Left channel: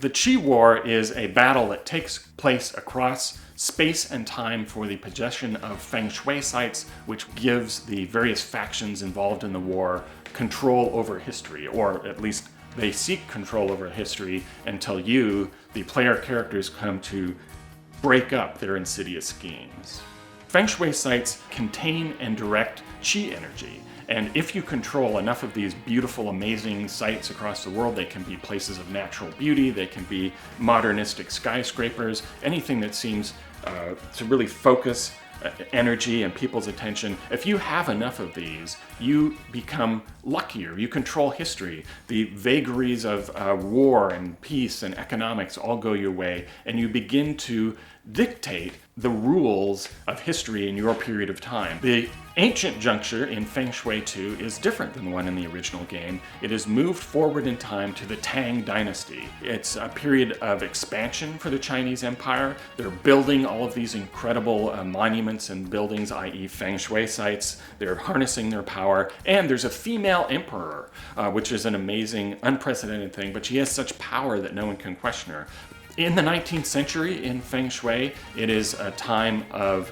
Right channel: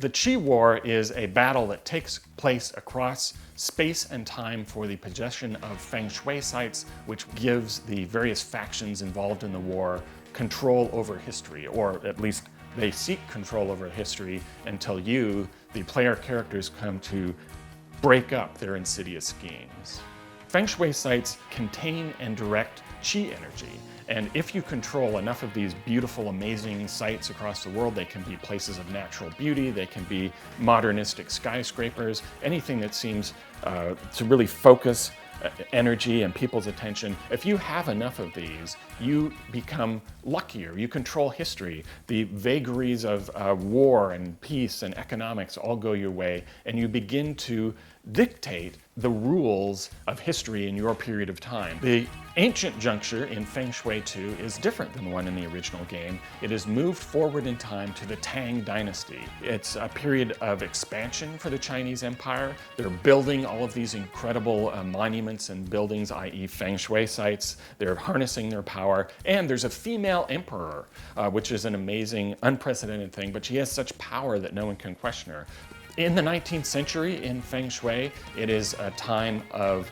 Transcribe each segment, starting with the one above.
The Qi War is a battle that takes place across space and time for the possession of Feng Shui sites, which gives the various factions involved in the war control over history, or at least they seek control over history until you, the player characters, come to break up their insidious schemes. Feng Shui sites contain and direct Qi energy, and if you control enough of these beautiful, amazing sites across the world, they can be places of natural beauty, they can be modernistic skyscrapers, anything that seems to really focus energy and people's attention. If you have enough of these, you become luckier. You control history. The vagaries of war and peace and economics all go your way, and you begin to dictate the rules of history in your period of time. The ancient juncture in Feng Shui 2 is different than the one in the original game. It has moved forward in time to the Tang Dynasty. It's a period of expansion for the Chinese Empire. They're building all of these incredible monuments and buildings, i.e. Feng Shui sites. They're harnessing their power, and there's a female emperor, which is an amazing, unprecedented thing, but she has such power that no one can question her. In the 19th century in Feng Shui, it is a time of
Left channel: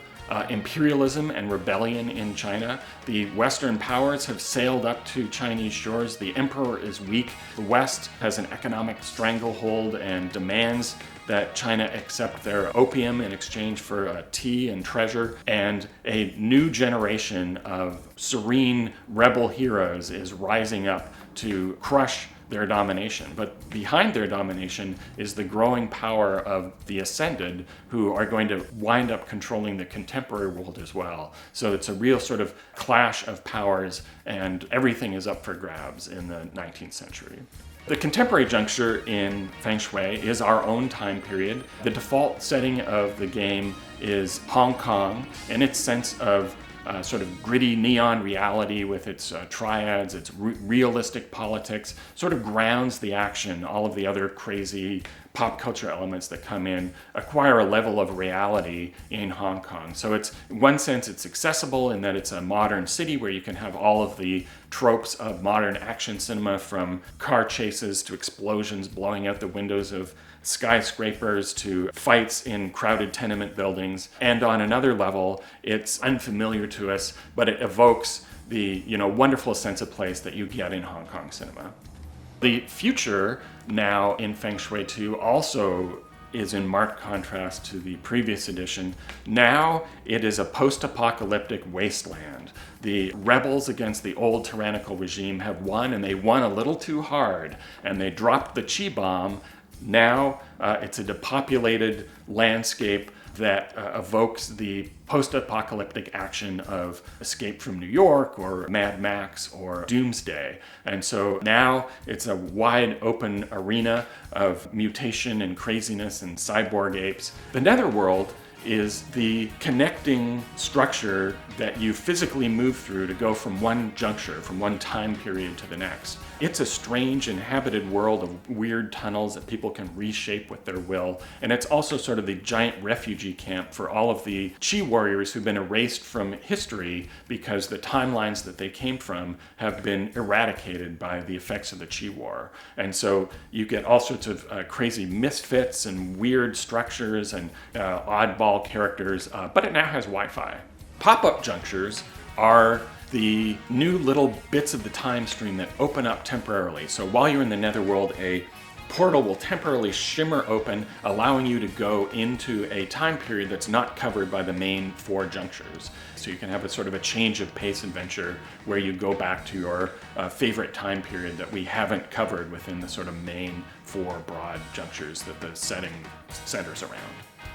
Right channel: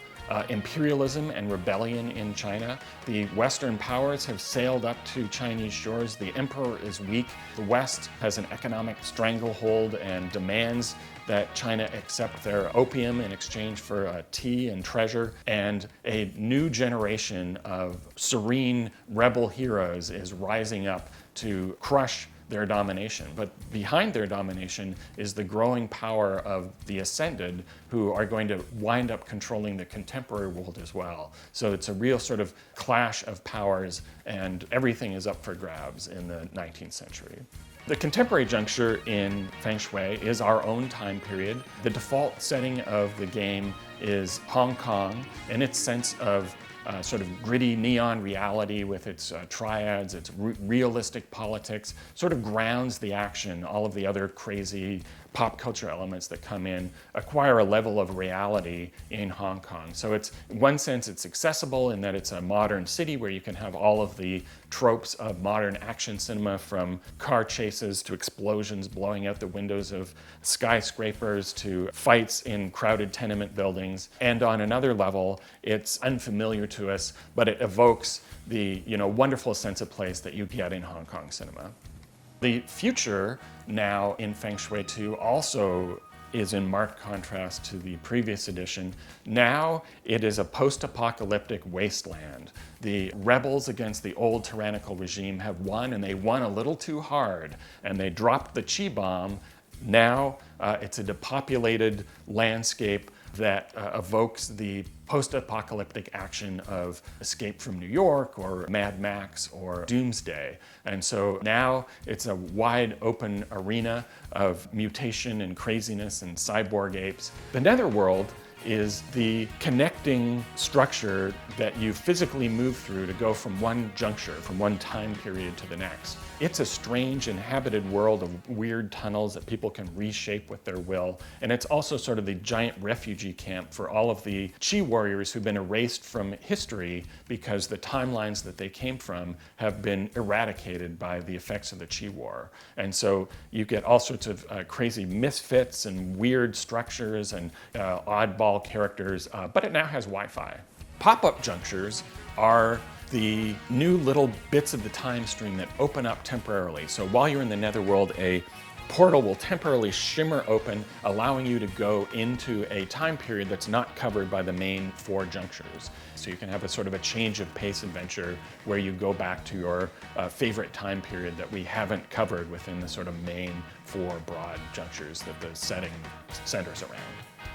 imperialism and rebellion in China. The Western powers have sailed up to Chinese shores. The emperor is weak. The West has an economic stranglehold and demands that China accept their opium in exchange for tea and treasure. And a new generation of serene rebel heroes is rising up to crush their domination. But behind their domination is the growing power of the Ascended, who are going to wind up controlling the contemporary world as well. So it's a real sort of clash of powers, and everything is up for grabs in the 19th century. The contemporary juncture in Feng Shui is our own time period. The default setting of the game is Hong Kong, and its sense of sort of gritty neon reality with its triads, its realistic politics, sort of grounds the action. All of the other crazy pop culture elements that come in acquire a level of reality in Hong Kong. So it's, in one sense, it's accessible in that it's a modern city where you can have all of the tropes of modern action cinema, from car chases to explosions blowing out the windows of skyscrapers to fights in crowded tenement buildings. And on another level, it's unfamiliar to us, but it evokes the wonderful sense of place that you get in Hong Kong cinema. The future now in Feng Shui 2 also is in marked contrast to the previous edition. Now it is a post-apocalyptic wasteland. The rebels against the old tyrannical regime have won, and they won a little too hard, and they dropped the Qi bomb. Now it's a depopulated landscape that evokes the post-apocalyptic action of Escape from New York or Mad Max or Doomsday. And so now it's a wide open arena of mutation and craziness and cyborg apes. The netherworld is the connecting structure that you physically move through to go from one juncture, from one time period to the next. It's a strange inhabited world of weird tunnels that people can reshape with their will. And it's also sort of the giant refugee camp for all of the Qi warriors who've been erased from history because the timelines that they came from have been eradicated by the effects of the Qi War. And so you get all sorts of crazy misfits and weird structures and oddball characters, but it now has Wi-Fi. Pop-up junctures are the new little bits of the time stream that open up temporarily. So while you're in the netherworld, a portal will temporarily shimmer open, allowing you to go into a time period that's not covered by the main 4 junctures. So you can have a sort of a change of pace adventure where you go back to your favorite time period that we haven't covered within the sort of main 4 broad junctures that the setting centers around.